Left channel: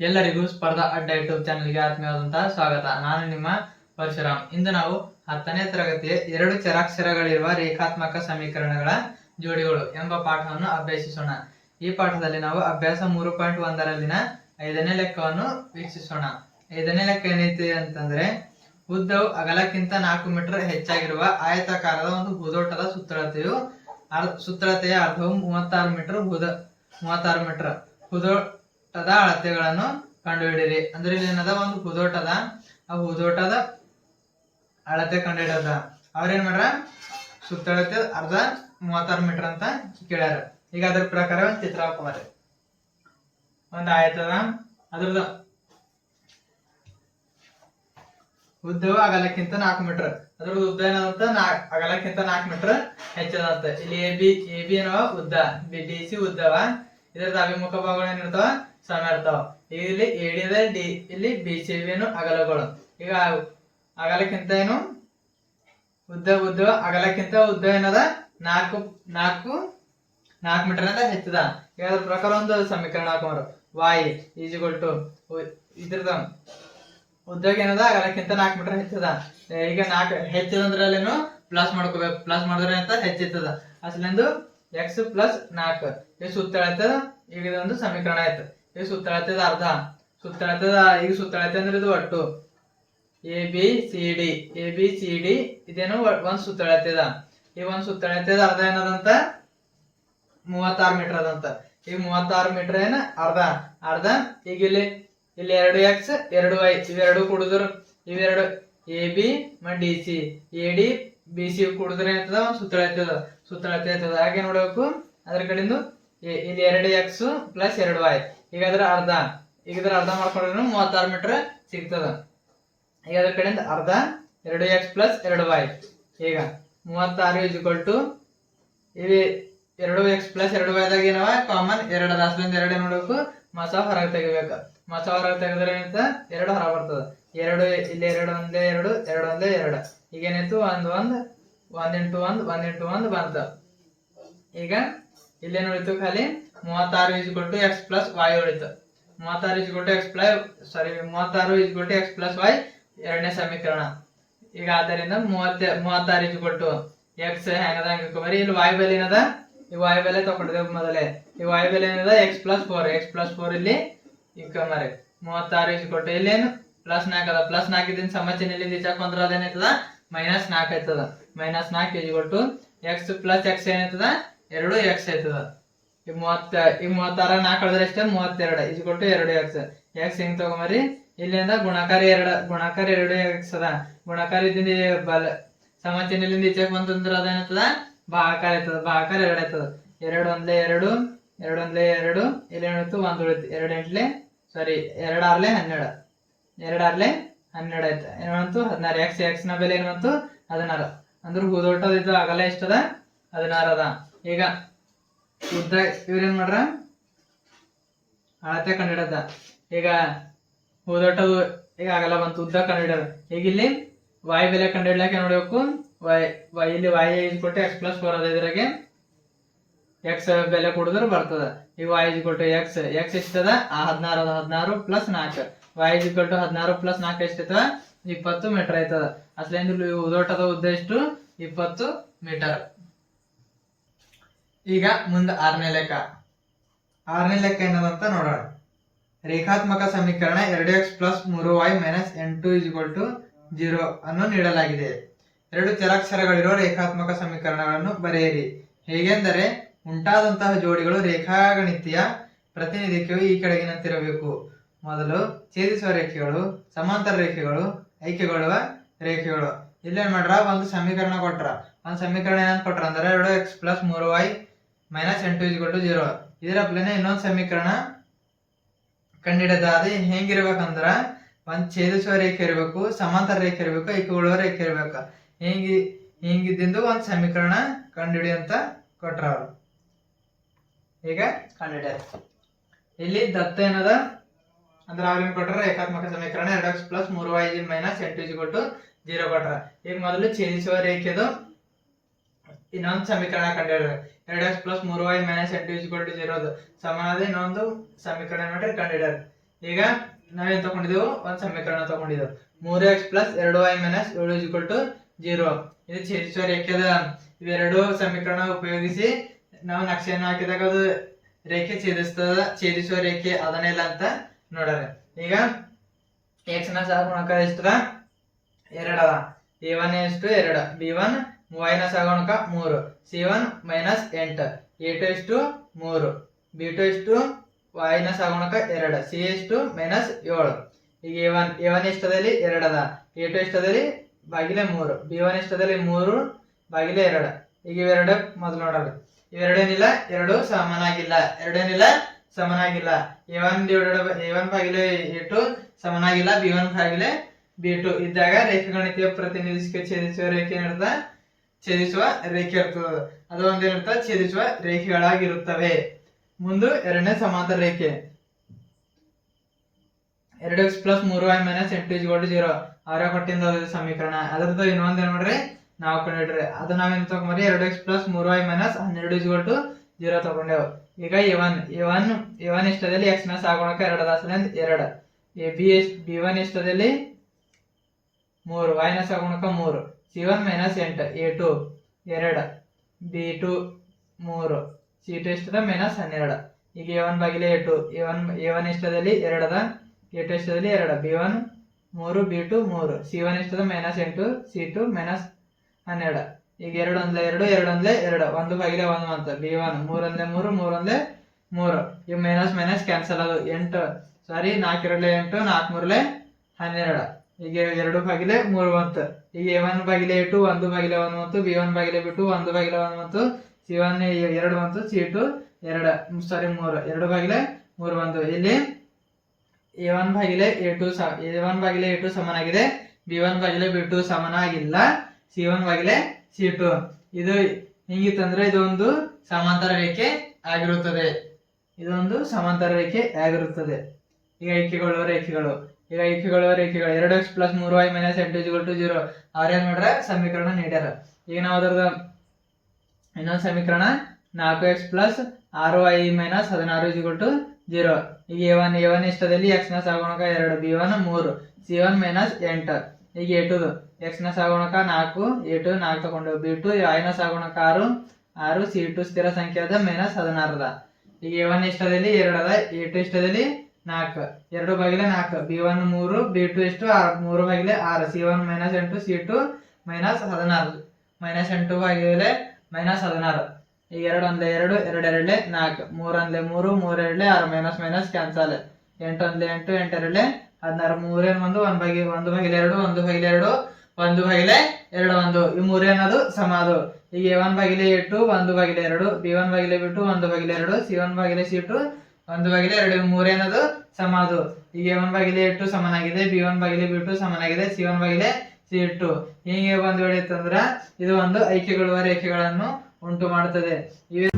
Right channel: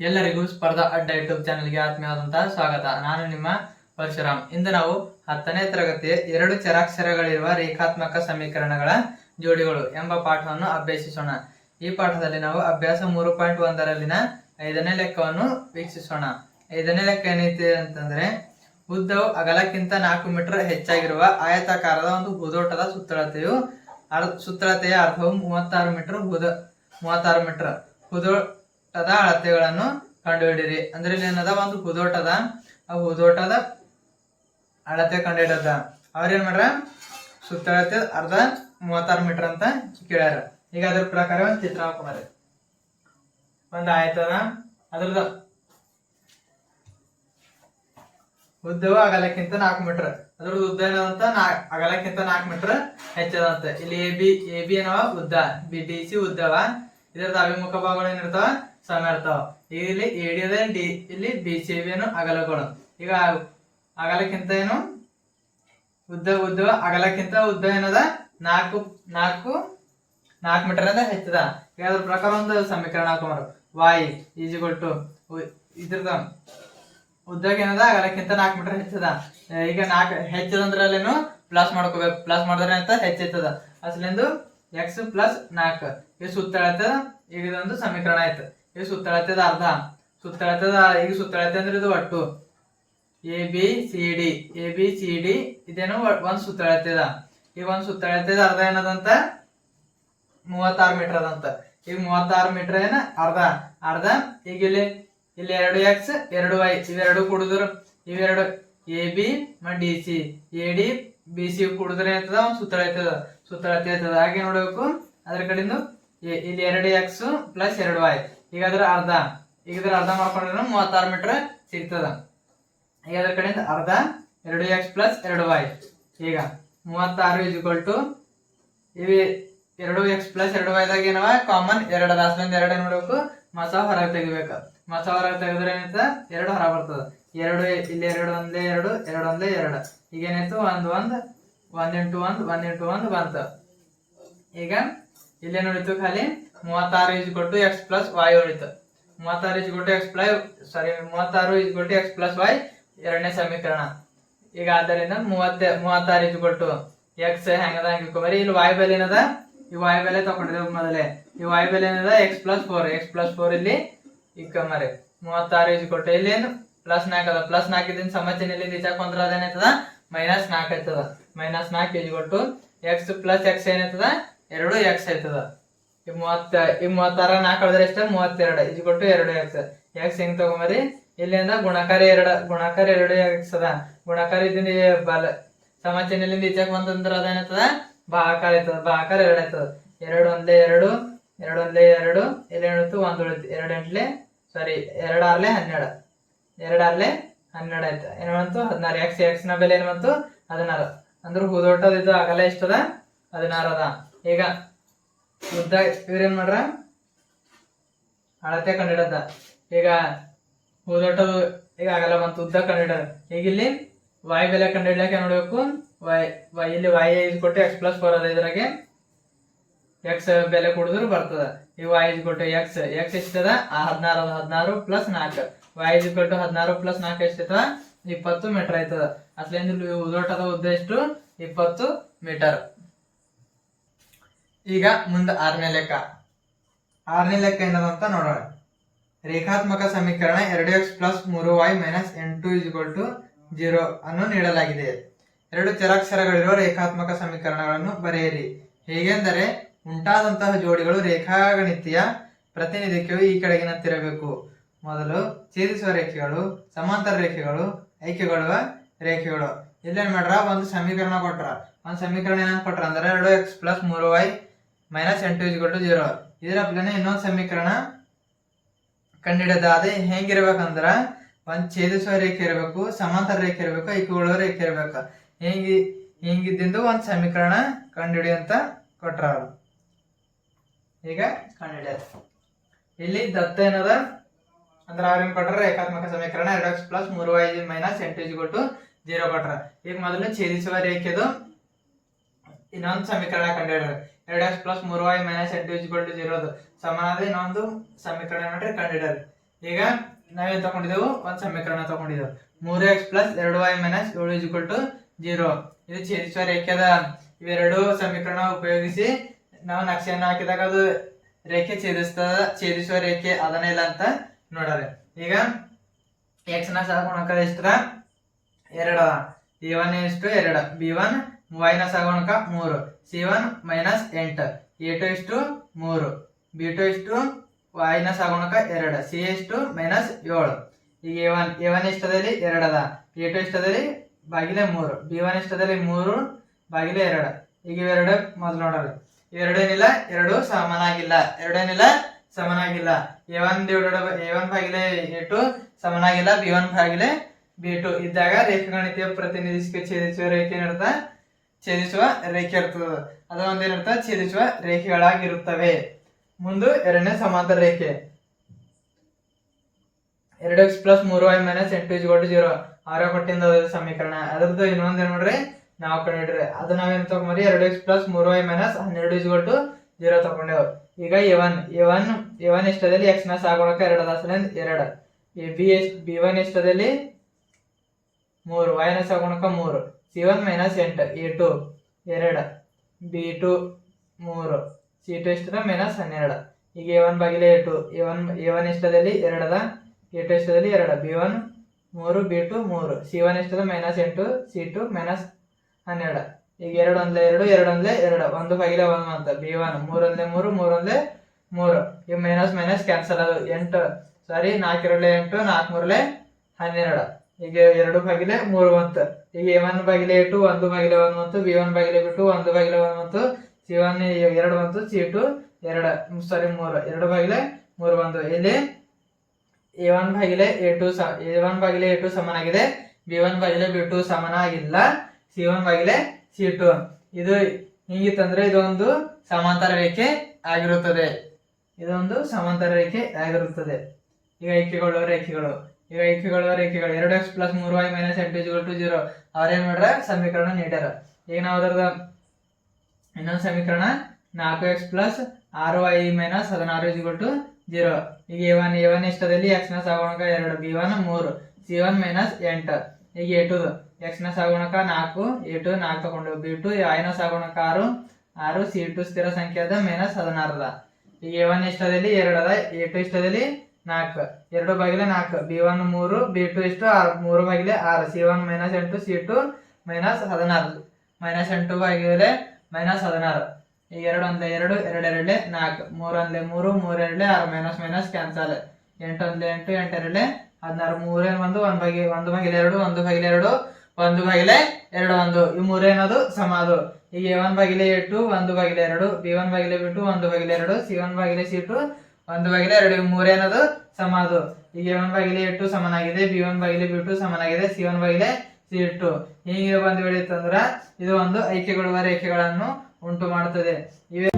ಎಲ್ಲರಿಗೂ ಸ್ಪರ್ಧಾ ಅಡ್ಡ ಯೂಟ್ಯೂಬ್ ಚಾನೆಲ್ಗೆ ಆತ್ಮೀಯವಾದಂತಹ ಸ್ವಾಗತ. ನಾನು ನಿಮ್ಮ ಪರಶುರಾಮ್. ಇಂದು ನಾವು ಹತ್ತನೇ ತರಗತಿಯ ಎರಡು ಚರಾಕ್ಷರಗಳಿರುವ ರೇಖಾತ್ಮಕ ಸಮೀಕರಣಗಳ ಜೋಡಿಗಳು ಎಂಬ ಪಾಠವನ್ನು ಅಭ್ಯಸಿಸೋಣ. ಈ ಪಾಠದಲ್ಲಿ ನಾವು ಅಭ್ಯಾಸ ಮೂರು ಪಾಯಿಂಟ್ ಒಂದರಲ್ಲಿನ ಐದನೇ ಲೆಕ್ಕವನ್ನು ವೀಕ್ಷಿಸೋಣ. ಐದನೇ ಲೆಕ್ಕ ಏನೈತೆ ಅಂತಂದ್ರೆ, ಉದ್ದವು ಅಗಲಕ್ಕಿಂತ ನಾಲ್ಕು ಮೀಟರ್ ಹೆಚ್ಚಾಗಿರುವ ಆಯತಾಕಾರದ ಒಂದು ಹೂದೋಟದ ಸುತ್ತಳತೆಯು ಅರ್ ಸುತ್ತಳತೆಯ ಅರ್ಧವು ಮೂವತ್ತಾರು ಮೀಟರ್ ಹೂದ ಮೂವತ್ತಾರು ಮೀಟರ್. ಹೂದೋಟದ ಅಳತೆಗಳನ್ನು ಕಂಡುಹಿಡಿಯಿರಿ. ಅಂದ್ರೆ ಏನದ? ಒಂದು ಹೂದೋಟದ, ಆ ಹೂದೋಟದ ಅಳತೆ ಕಂಡುಹಿಡದ ಅವ್ರೇನ್ ಮಾಡ್ರ? ಸುತ್ತಳತೆ ಅರ್ಧ ಮೂವತ್ತಾರು ಮೀಟರ್ ಅಂತ ಕೇಳ್ಯಾರ. ಈಗ ಅದ್ರ ಪ್ರಕಾರ ಒಂದು ಚಿತ್ರ ಹಾಕೊಂಡ್ರಿ ಒಂದು ಆಯ್ತದ ಅದ್ರದ ಉದ್ದವು ಅಗಲಕ್ಕಿಂತ ನಾಲ್ಕು ಮೀಟರ್. ಅದ್ರದ್ದು ಉದ್ದ ಏನಂತ ನಾ ಅಗಲಕ್ಕಿಂತ ನಾಲ್ಕು ಮೀಟರ್ ಹೆಚ್ಚದಂತ ಇಲ್ಲಿ ಎ ಬಿ ಎ ಬಿ ಏನವ? ಉದ್ದ. ಬಿ ಡಿ ಸಿ ಉದ್ದವ. ಇದ್ರದ್ದು ಅಭಿಮುಖ ಭಾಗಗಳು ಏನಿರ್ತಾವ ಸಮ ಇರ್ತಾವ ಈಗ ಇಲ್ಲಿ ಎಡಿಯದ ಡಿ ಇಲ್ಲಿ ಬಿ ಸಿ ಬಿ ಏನು ಅಗಲಗಳು. ಈಗ ಅಗಲಕ್ಕಿಂತ ಏನು? ಉದ್ದ ಉದ್ದ, ಅಗಲಕ್ಕಿಂತ ಉದ್ದ ಏನದ ನಾಲ್ಕು ನಾಲ್ಕು ನಾಲ್ಕು ಮೀಟರ್ ಅಂತ ಹೆಚ್ಚದ ಅದ್ರ ಪ್ರಕಾರ ಒಂದು ಸಮೀಕರಣ ಹಾಕೋರು ವಾಯ್ ಈಜುಗೊಲ್ ಟು ಇದ್ರದ ಉದ್ದಕ್ಕೆ ಏನದ ಅಗಲಕ್ಕಿಂತ ನಾಲ್ಕು ಮೀಟರ್ ಹೆಚ್ಚದ. ಈಗ ನಾಲ್ಕು ಹೆಚ್ಚದಂದ್ರಲ್ಲೇನು? ಪ್ಲಸ್ ಮಾಡ್ಕೋಬೇಕು. ಪ್ಲಸ್ ಮಾಡಿದ್ರೆ ಅಂತ ಹೆಚ್ಚಿತ್ತದ. ಅಸಲಿಂದು ಎಕ್ಸ್ ಪ್ಲಸ್ ನಾಲ್ಕು. ಇದು ಸುತ್ತಳತದ ಈಗ ಸಮೀಕರಣ ಆಯ್ತು. ಇದು ಸುತ್ತಳತೆದ ಅರ್ಧ. ಸುತ್ತಳತೆದ ಈಗ ಸುತ್ತಳತೆ ಅಂದ್ರೆ ಇದು ಒಟ್ಟು. A B C D A B C D ಇದೇನು ಒಂದು ಸುತ್ತಳತೆದ. ಈ ಒಂದು ಸುತ್ತಳತೆದ ಅರ್ಧ ಏನದಂತ? ಮೂವತ್ತಾರು ಮೀಟರ್ ಅದಂತ. ಈಗ ಮೂವತ್ತಾರು ಮೀಟರ್ ಏನ? ಅರ್ಧ. ಅರ್ಧ, ಈಗ ಇಲ್ಲಿ ಇಲ್ಲಿ ಎರಡು ಎಕ್ಸ್ ಎರಡು ವೈ ಇವೆರಡು ಕುಡಿದ್ರು. ಇವೆರಡು ಎ ಬಿ ಮತ್ತು D C A D B C ಕುಡಿದ್ರೆ ಏನಾಯ್ತದ ಒಂದು ಸುತ್ತಳತೆದ. ಸುತ್ತಳತೆ ಆಯ್ತದ. ಹಾಗೆ ನೋಡಬೇಕು. ಅದ್ರ ಕಡೆಯಿಂದ ಇಲ್ಲಿ ಎರಡು ಎಕ್ಸ್ ಪ್ಲಸ್ ಎರಡು ವೈ ಈಗ ಅದ್ರ ಅರ್ಧ. ಈಗ ಅರ್ಧ ಮಾಡ್ಕೊಂಡ್ರೆ ಮೂವತ್ತಾರು ಮೀಟರ್ ಸಿಗ್ತದ. ಈಗ ಅದ್ರ ಕಡೆಯಿಂದ ಅರ್ಧ, ಎರಡು ಎಕ್ಸ್ ಪ್ಲಸ್ ಎರಡು ವೈ ಈಗ ಮೂವತ್ತಾರು ಇಸ್ ಈಕ್ವಲ್ ಟು ಇವಿ ಎರಡು ಎಕ್ಸ್ ಪ್ಲಸ್ ಎರಡು ವೈದಾಗ ಏನವ? ಕಾಮನ್ ಎರಡು. ದಾಸದಿಂದ ಎರಡು ಏನ್ ಮಾಡಬೇಕು? ಮಸ ಹೊರಗೆ ತೆಗಿಬೇಕು. ಮಸ ಹೊರಗೆ ತೆಗೆದ್ರೆ ಏನಿತ್ತ ಎರಡು ಹೊರ ಬರ್ತದ. ಎರಡು ಇಲ್ಲಿ ಎರಡು, ಒಂದೇ ಎರಡು ಎರಡು, ಒಂದೇ ಎರಡು. ಈಗ ಏನಾಯ್ತು? ಒಂದು ಒಂದು, ಒಂದ್ ಇಂಟು ಒಂದು, ಒಂದ್ ಇಂಟು ಒಂದು ಬಂತ. ಈಗ ಇಲ್ಲೇನು ಉಳಿತು ಖಾಲಿ? ಮೂವತ್ತಾರು ಇಸ್ ಕೊಟ್ಟು ಎಕ್ಸ್ ಪ್ಲಸ್ ವೈ ಉಳಿತು. ಮೂವತ್ತಾರು ಇಸ್ ಕೊಟ್ಟು ಎಕ್ಸ್ ಪ್ಲಸ್ ಸಾರಿ ಮೂವತ್ತಾರು ಇಸ್ ಕೊಟ್ಟು ಎಕ್ಸ್ ಪ್ಲಸ್ ವೈ ಎರಡನೇ ಸಮೀಕರಣ. ಈಗ ಆದ್ದರಿಂದ ಮೂವತ್ತೆ, ಮೂವತ್ತಾರು ಇಸ್ ಕೊಟ್ಟು ಎಕ್ಸ್ ಹೆಂಗದ ಹಂಗೆ ಇಟ್ಕೊಬರಿ. ಇಲ್ಲಿ ವೈ ಬೆಲೆ ಏನದ? ಈ ವೈ ಬೆಲೆ ತಗೊಂಡಿದ್ದೇವೆ ಮೊದಲೇ. ಈ ವೈ ಬೆಲೆ ಏನದ? X plus four X plus four ಇಲ್ಲಿ ಇಕ್ಕಮರಿ ಮೂವತ್ತಾರು ಇಸ್ ಕೊಟ್ಟು ಇಲ್ಲೇನು? ಪ್ಲಸ್ ನಾಲ್ಕು ಅದ. ಪ್ಲಸ್ ನಾಲ್ಕಿದಿಂದ ಸಮಚಿನ ಇಲ್ಲಿಂದ ಈಚಾಕ್ ಬಂದ್ರ ಅದೇನಾಯ್ತದ ಮೈನಸ್ ನಾಲ್ಕು ಆಯ್ತದ. ಮೈನಸ್ ನಾಲ್ಕು ಇಸ್ ಕೊಟ್ಟು ಎಕ್ಸ್ ಪ್ಲಸ್ ಎಕ್ಸ್ ಏನಾಯ್ತದ ಎರಡು ಎಕ್ಸ್ ಆಯ್ತದ. ಈ ಮೂವತ್ತ, ಈ ಮೂವತ್ತಾರ ನಾಲ್ಕು ಕಳೆದ್ರೆ ಎಷ್ಟ? ಮೂವತ್ತೆರಡು. ಇಜ್ ಕೊಟ್ಟು ಎರಡು ಎಕ್ಸ್ ಎಕ್ಸ್ ಹೆಂಗ್ ತಗೊಂಬರಿ? ಇಲ್ಲಿಂದ ಗುಣಕಾರ ಎರಡು ಗುಣಕಾರ ಎರಡು ಎಕ್ಸ್ ಅದ. ಗುಣಕಾರ ಇದ್ದಿಂದ ಬಲ ಸಮಚಿಹ್ನೆಲಿಂದ ಈಚೆಗೆ ಬಂದಂದ್ರ ಅದೇನಾಯ್ತದ ಭಾಗಾಕಾರ ಆಯ್ತದ. ಭಾಗಾಕಾರ ಎರಡು ಆಯ್ತದ. ಎರಡು ಒಂದ್ಲೆ ಎರಡು ಎರಡು ಒಂದ್ಲೆ ಎರಡು, ಇಲ್ಲಿ ಏನಿತ್ತು ಒಂದ್ ಉಳಿತು. ಎರಡು ಎಂಟ್ಲೆ ಸಾರಿ ಎರಡಾರ್ಲೆ ಹನ್ನೆರಡು. ಎರಡಾರ್ಲೆ ಹನ್ನೆರಡು ಆಯ್ತು. ಏನು ಬಂತು ಹದಿನಾರು. ಎಕ್ಸ್ ಎಕ್ಸ್ನ ಬೆಲೆ ಏನು ಬಂತು ಹದಿನಾರು. ಅಂದ್ರೆ ಹೂದೋಟದ ಇದು ಅಗಲ ಎಷ್ಟದ? ಹದಿನಾರು ಅದ. ಈಗ ಉದ್ದ ಇವ್ರೇನ್ ಮಾಡ್ರ? ಅಳತೆ ಕಂಡಿಡದ ಈಗ ಹೂದೋಟದು ಈಗ ಆಗಲ್ಲ ಬಂತು ಉದ್ದ ಕಂಡಿಡದ ಈಗ ಇಲ್ಲಿ ವಾಯು ಬೆಲೆ ಕಂಡಿಡ್ಲಾಕ ಏನ್ ನೋಡ್ಬೇಕು ವೈ ವೈ ಇಲ್ಲಿ ವಾಯ್ ಇಸ್ ಕೊಟ್ಟು ಎಕ್ಸ್ ಪ್ಲಸ್ ಫೋರ್ ಅದ ಇದ್ರಾಗೆ ಎಕ್ಸ್ ಬೆಲೆ ಕೊಡಿದ್ರೆ ಬರ್ತದ. ಈ ವಾಯ್ ಇಸ್ ಕೊಟ್ಟು ಎಕ್ಸ್ ಎಕ್ಸ್ ಎಷ್ಟದ ಆ ಹದಿನಾರು ಹದಿನಾರು ಪ್ಲಸ್ ನಾಲ್ಕು. ವಾಯ್ ಇಸ್ ಕೊಟ್ಟು ಹದಿನಾರು ಪ್ಲಸ್ ನಾಲ್ಕು ಎಷ್ಟಿರ್ತದ? ಇಪ್ಪತ್ತು ಮೀಟರ್ ಆಯ್ತದ. ಅಸಲಿಂದ ಉದೋಟದ ಉದ್ದ ಎಷ್ಟು? ಇಪ್ಪತ್ತು ಮೀಟರ್ ಈಗ ಮುಂದೆ ಆರನೇ ಲೆಕ್ಕ. ಆರನೇ ಲೆಕ್ಕ ಏನದಂತ ನೋಡೋಣ. ರೇಖಾತ್ಮಕ ಸಮೀಕರಣ ಎರಡು ಎಕ್ಸ್ ಪ್ಲಸ್ ಮೂರು ವೈ ಮೈನಸ್ ಎಂಟು ಇಸ್ಕೊಲ್ ಟು ಜೀರೋ ಅನ್ನು ನೀಡಲಾಗಿದೆ. ಎರಡು ಚರಾಕ್ಷರಗಳಿರುವ ರೇಖಾತ್ಮಕ ಸಮೀಕರಣಗಳನ್ನು ಬರೆಯಿರಿ. ಹೇಗೆಂದರೆ ಉಂಟಾದಂತಹ ಜೋಡಿಗಳು ರೇಖಾಗಣಿತೀಯ ಪ್ರತಿನಿಧಿಕೆಯು ಈ ಕೆಳಗಿನಂತಿರಬೇಕು. ಮೊದಲು ಛೇದಿಸುವ ರೇಖೆಗಳು, ಸಮಾಂತರ ರೇಖೆಗಳು, ಐಕ್ಯಗೊಳ್ಳುವ ರೇಖೆಗಳು. ಇಲ್ಲೇನು ಮಾಡ್ರ? ಒಂದು ಸಮೀಕರಣ ಕೊಟ್ರ. ಒಂದು ಸಮೀಕರಣ ಏನಂತ ಕೊಟ್ರ ಅಂದ್ರೆ ಎರಡು ಎಕ್ಸ್ ಪ್ಲಸ್ ಮೂರು ವೈ ಮೈನಸ್ ಎಂಟು ಇಸ್ಕೊಲ್ ಟು ಜೀರೋ. ಇದರ ಇನ್ನೊಂದು ಸಮೀಕರಣ ಕಂಡಿಡದ ಅದು ಹೆಂಗಿರ್ಬೇಕಂದ್ರ ಒಂದು ಛೇದಿಸುವ ರೇಖೆ ಇರಬೇಕು, ಸಮಾಂತರ ರೇಖೆ ಇರಬೇಕು ಐಕ್ಯಗೊಳ್ಳುವ ರೇಖೆ ಇರಬೇಕು. ಹೆಂಗಿ ಹೆಂಗಿದ್ದು ಒಂದು ಸಮೀಕರಣ ಕಂಡುಹಿಡಿ ಅಂತ ಕೊಟ್ರ ಅವ್ರು ಈಗ ಕಂಡುಹಿಡಿಯೋದು. ಇಲ್ಲಿ ದತ್ತ ಏನದ? ಅಂದ್ರೆ ಅವ್ರೇನು ಕೊಟ್ರ ಏಕಾತ್ಮಕ ಸಮೀಕರಣ ಎರಡು ಎಕ್ಸ್ ಪ್ಲಸ್ ಮೂರು ವೈ ಮೈನಸ್ ಎಂಟು ಇಸ್ಕೊಲ್ ಟು ಜೀರೋ ಕೊಟ್ರ. ಈಗ ಮೊದಲು ಛೇದಿಸುವ ರೇಖೆದು ಇನ್ನೊಂದು ಸಮೀಕರಣ ಕಂಡುಹಿಡಿದ್ರೆ. ಎರಡು ಎಕ್ಸ್ ಪ್ಲಸ್ ಮೂರು ವೈ ಮೈನಸ್ ಎಂಟು ಟು ಜೀರೋದು ಸಮಾನದ ಇನ್ನೊಂದು ಸಮೀಕರಣ ಏನ್ರಿ ಕಂಡುಹಿಡಿಯೋದು. ಈಗ ನಾವೇನ್ ತಗೊಂಡಿದ್ದೆವು? ಒಂದು ಸಮೀಕರಣ ತಗೊಂಡಿದ್ದೆವು. ಮೂರು ಎಕ್ಸ್ ಪ್ಲಸ್ ಎರಡು ವೈ ಮೈನಸ್ ಏಳು ಇಕ್ವಲ್ ಟು ಜೀರೋ. ಇದು ಛೇದಿಸುವ ರೇಖೆದ ಇವೆರಡು ಸಮೀಕರಣ ಉಪಯೋಗಿಸಿ ನಾವು ನಕ್ಷೆಯನ್ನು ಹಾಕಿದಾಗ ಅದು ರೇಖೆ ಛೇದಿಸ್ತದ, ಛೇದಿಸುವ ರೇಖೆ ಅದನ್ನೇ ಇಲ್ಲ ಅಂತ ನೋಡಾರ ಈಗ ಎಕ್ಸ್ನ ಸಹಗುಣಕ ಎಷ್ಟದ? ಎರಡದ ಬಿ ಒನ್ ಎಷ್ಟು ಎರಡು. ಬಿ ಒನ್ ವೈನ ಸಾಗೋಣಕ ಮೂರು. ಸಿ ಒನ್ ಮೈನಸ್ ಎಂಟು ಎ ಟು ಇಷ್ಟು ಮೂರು. ಬಿ ಟು ಇಷ್ಟು ವೈನ ಸಾಗೋಣಕ ಎರಡು. ಸಿ ಎಷ್ಟು ಮೈನಸ್ ಏಳು. ಈಗ ಎ ಒನ್ ಎ ಒನ್ ಇಷ್ಟದಲ್ಲಿ ಎರಡದ ಎ ಟು ಇಷ್ಟದಲ್ಲಿ ಬಾಗಿಲೆ ಮೂರು. ಬಿ ಒನ್ ಇಷ್ಟದಲ್ಲಿ ಮೂರು, ಬಾಗಿಲೆ ಎರಡು. ಈಗ ಇವೆರಡು ಮೊದಲು ನೋಡೋಣ. ಎರಡೇನಿಲ್ಲ ಎರಡು ಸಮನಾಗಿಲ್ಲ. ಎರಡೇನಿಲ್ಲ ಸಮನಾಗಿಲ್ಲ. ಎ ಒನ್ ಎ ಒನ್ ಬಾಗಿಲೆ ಎ ಟು ಸಮನಾಗಿಲ್ಲ. ಬಿ ಒನ್ ಬಾಗಿಲೆ ಬಿ ಟು ಇದ್ದಾಗ ರೇಖಾಗಣಿತೀಯ ಪ್ರತಿನಿಧಿಸಿಕೆ ಛೇದಿಸುವ ರೇಖೆ ಏನಿರ್ತ ಛೇದಿಸುವ ರೇಖೆ ಇರ್ತದೆ. ಅದು ಒಂದೇನಿರ್ತದೆ? ಛೇದಿಸುವ ರೇಖೆಗಳಾಗಿರುತ್ತವೆ. ಮುಂದೆ ಎರಡನೇ ಸಮಾಂತರ ರೇಖೆ. ಎರಡು ಎಕ್ಸ್ ಪ್ಲಸ್ ಮೂರು ವೈ ಮೈನಸ್ ಎಂಟು ಇಸ್ ಗೋಲ್ಡ್ ಜೀರೋ. ಅವರ ಕೊಟ್ಟಿಂದ ಸಮೀಕರಣ. ಅದರದ್ದು ಇನ್ನೊಂದು ಏನ್ ಮಾಡ್ರಿ? ನಾವು ಕಂಡಿಡ್ರಿ. ಅದು ನಾವೇನ್ ತಗೊಂಡ್ರಿ ಎರಡು ಎಕ್ಸ್ ಪ್ಲಸ್ ಮೂರು ವೈ ಮೈನಸ್ ಹನ್ನೆರಡು ಇಸ್ ಗೋಲ್ಡ್ ಜೀರೋ ತಗೊಂಡೆವು. ಈಗ A one A one A one ಇಷ್ಟದಲ್ಲಿ ಎಕ್ಸ್ನ ಸಾಗುಣಕ ಎರಡು ದಾಸಲಿಂದ ಎರಡು. ಎ ಬಿ ಎಷ್ಟು ಬಿ ಒನ್ ಇಷ್ಟದಲ್ಲಿ ಮೂರು. ವೈ ಸಗುಣಕ ಸಾಗುಣಕ ಮೂರು. ಸಿ ಒನ್ ಮೈನಸ್ ಎಂಟು. ಎ ಟು ಎರಡು. ಬಿ ಟು ಮೂರು. ಸಿ ಟು ಇಷ್ಟದ ಮೈನಸ್ ಹನ್ನೆರಡು. ಈಗ A one ಬಾಗಿಲೆ A two A one A one ಇಷ್ಟದಲ್ಲಿ ಎರಡದ? ಎ ಟು ಇಷ್ಟದಲ್ಲಿ ಎರಡು. ಬಿ ಒನ್ ಮೂರು ಬಿ ಟು ಮೂರು. ಸಿ ಒನ್ ಇಷ್ಟದ ಮೈನಸ್ ಎಂಟು. ಸಿ ಟು ಮೈನಸ್ ಹನ್ನೆರಡು. ಈಗ ಎರಡು ಒಂದ್ಲೆ ಎರಡು ಎರಡು ಒಂದ್ಲೆ ಎರಡು. ಒಂದು ಬಾಗಿಲೆ ಒಂದು ಅಂತ. ಬಿ ಒನ್ ಮೂರೊಂದೇ ಮೂರು ಮೂರೊಂದೇ ಮೂರು. ಈಗ ಮೈನಸ್ ಮೈನಸ್ ಕ್ಯಾನ್ಸಲ್ ಅದು. ಎಂಟು. ಸಾರಿ ನಾಲ್ಕು ಎರಡಲೆ ಎಂಟು ನಾಲ್ಕು ಮೂರಲೆ ಹನ್ನೆರಡು. ಈಗ ಎರಡು ಬಾಗಿಲೆ ಮೂರು ಮತ್ತು. ಈಗ ಎ ಒನ್ ಬಾಗಿಲೆ ಟು ಒಂದು ಬಾಗಿಲೆ ಒನ್ ಮತ್ತು ಬಿ ಒನ್ ಬಾಗಿಲೆ ಬಿಟ್ಟು ಒಂದು ಬಾಗಿಲೆ ಒನ್ ಮತ್ತು ಸಿ ಒನ್ ಎರಡು ಬಂತು ಸಿ ಟು ಎರಡು. ಸಾರಿ ಮೂರು. ಎರಡು ಬಾಗಿಲೆ, ಮೂರು ಬಂತು ಇಲ್ಲಿ ಎ ಒನ್ ಬಾಗಿಲೆ ಎ ಟು ಎ ಒನ್ ಬಾಗಿಲೆ ಎ ಟು ಸಮನಾಗಿದೆ. ಬಿ ಒನ್ ಬಾಗಿಲೆ ಬಿ ಟು ಸಮನಾಗಿಲ್ಲ. ಸಿ ಒನ್ ಬಾಗಿಲೆ ಸಿ ಟು ಇದು ಹಿಂಗಿತ್ತಂದ್ರೆ ಇದೊಂದು ಸಮಾಂತರ ರೇಖೆ ಆಗಿರುತ್ತದೆ. ಇದೊಂದು ಸಮಾಂತರ ರೇಖೆ ಆಗಿರುತ್ತದೆ. ಈಗ ಐಕ್ಯಗಳು ರೇಖೆಗಳು. ಈಗ ಐಕ್ಯಗಳು ರೇಖೆಗಳು. ಎರಡು ಎಕ್ಸ್ ಪ್ಲಸ್ ಮೂರು ವೈ ಮೈನಸ್ ಎಂಟು ಇಜ್ಗಳು ಟು ಜೀರೋ ಅವ್ರೇನು ಮಾಡ್ರ? ಸಮೀಕರಣ ನೀಡ್ಯಾರ. ಈಗ ನಾವು ಅದ್ರದ್ದು ಇನ್ನೊಂದು ಸಮೀಕರಣ, ನಾಲ್ಕು ಎಕ್ಸ್ ಪ್ಲಸ್ ಆರು ವೈ ಮೈನಸ್ ಹದಿನಾರು ಇಸ್ಗಳು ಟು ಜೀರೋ ಈಗ ಎ ಒನ್ ಎ ಒನ್ ಇಷ್ಟದಲ್ಲಿ ಎಕ್ಸ್ನ ಸಾಗುಣಕ ಎರಡು ಬಿ ಒನ್ ಮೂರು ಸಿ ಒನ್ ಮೈನಸ್ ಎಂಟು. ಈಗ ಎ ಟು ಎಕ್ಸ್ನ ಸಾಗುಣಕ ನಾಲ್ಕು ಎ ಟು ನಾಲ್ಕು ತಗೊಂಡು ಬಿ ಟು ಐ ನ ಸಾಗುಣಕ ಆರು ಆರು ಸಿ ಟು ಸ್ಥಿರ ಸಂಖ್ಯೆ ಅದ ಮೈನಸ್ ಹದಿನಾರು ಅದ ಈಗ ಎ ಒನ್ ಇಷ್ಟದಲ್ಲಿ ಎರಡು ಅದ ಎ ಟು ಇಷ್ಟದಲ್ಲಿ ನಾಲ್ಕು. ಎರಡು ಬಾಗಿಲೆ ನಾಲ್ಕು. ಬಿ ಒನ್ ಮೂರು, ಬಿ ಟು ಎಷ್ಟು? ಆರು. ಮೂರು ಬಾಗಿಲೆ ಆರು. ಸಿ ಒನ್ ಮೈನಸ್ ಎಂಟು, ಸಿ ಟು ಮೈನಸ್ ಹದಿನಾರು. ಮೈನಸ್ ಎಂಟು ಬಾಗಿಲೆ ಮೈನಸ್ ಹದಿನಾರು. ಈಗ ಎರಡು ಒಂದ್ಲೆ ಎರಡು ಎರಡು ಎರಡ್ಲೆ ನಾಲ್ಕು. ಮೂರೊಂದ್ಲೆ ಮೂರು ಮೂರೆರಡ್ಲೆ ಆರು. Minus minus cancel. ಎಂಟು ಒಂದ್ಲೆ ಎಂಟು ಎಂಟು ಎರಡ್ಲೆ ಹದಿನಾರು. ಮೂರೇನು ಒಂದು? ಒಂದು ಬಾಗಿ ಒಂದು ಬಾಗಿಲೆ ಎರಡು, ಒಂದು ಬಾಗಿಲೆ ಎರಡು, ಒಂದು ಬಾಗಿಲೆ ಎರಡು ಒಂದು. ಈ ಮೂರೇನದು ಸಮ ಅದು ಈಗ ಎ ಒನ್ ಬಾಗಿಲೆ ಟು, ಒಂದು ಬಾಗಿಲೆ ಎರಡು. ಬಿ ಒನ್ ಬಾಗಿಲೆ ಬಿಟ್ಟು ಒಂದು ಬಾಗಿಲೆ ಎರಡು. ಸಿ ಒನ್ ಬಾಗಿಲೆ ಸಿ ಟು ಒಂದು ಬಾಗಿಲೆ ಎರಡು ಮೂರು ಏನದು ಸಮ ಅದು. ಈಗ ಎ ಒನ್ ಬಾಗಿಲೆ ಎಟ್ಟು ಸಮನಾಗಿದೆ ಬಿ ಒನ್ ಬಾಗಿಲೆ ಬಿಟ್ಟು ಸಮನಾಗಿದೆ ಸಿ ಒನ್ ಬಾಗಿಲೆ ಸಿ ಟು ಹೀಗೆ ಬಂದು ಹೇಳಿತ್ತಂದ್ರ ಇದು ಒಂದು ಐಕ್ಯಗೊಳ್ಳುವ ರೇಖೆಗಳನ್ನು ಉಂಟು ಮಾಡುತ್ತದೆ. ಇವೆ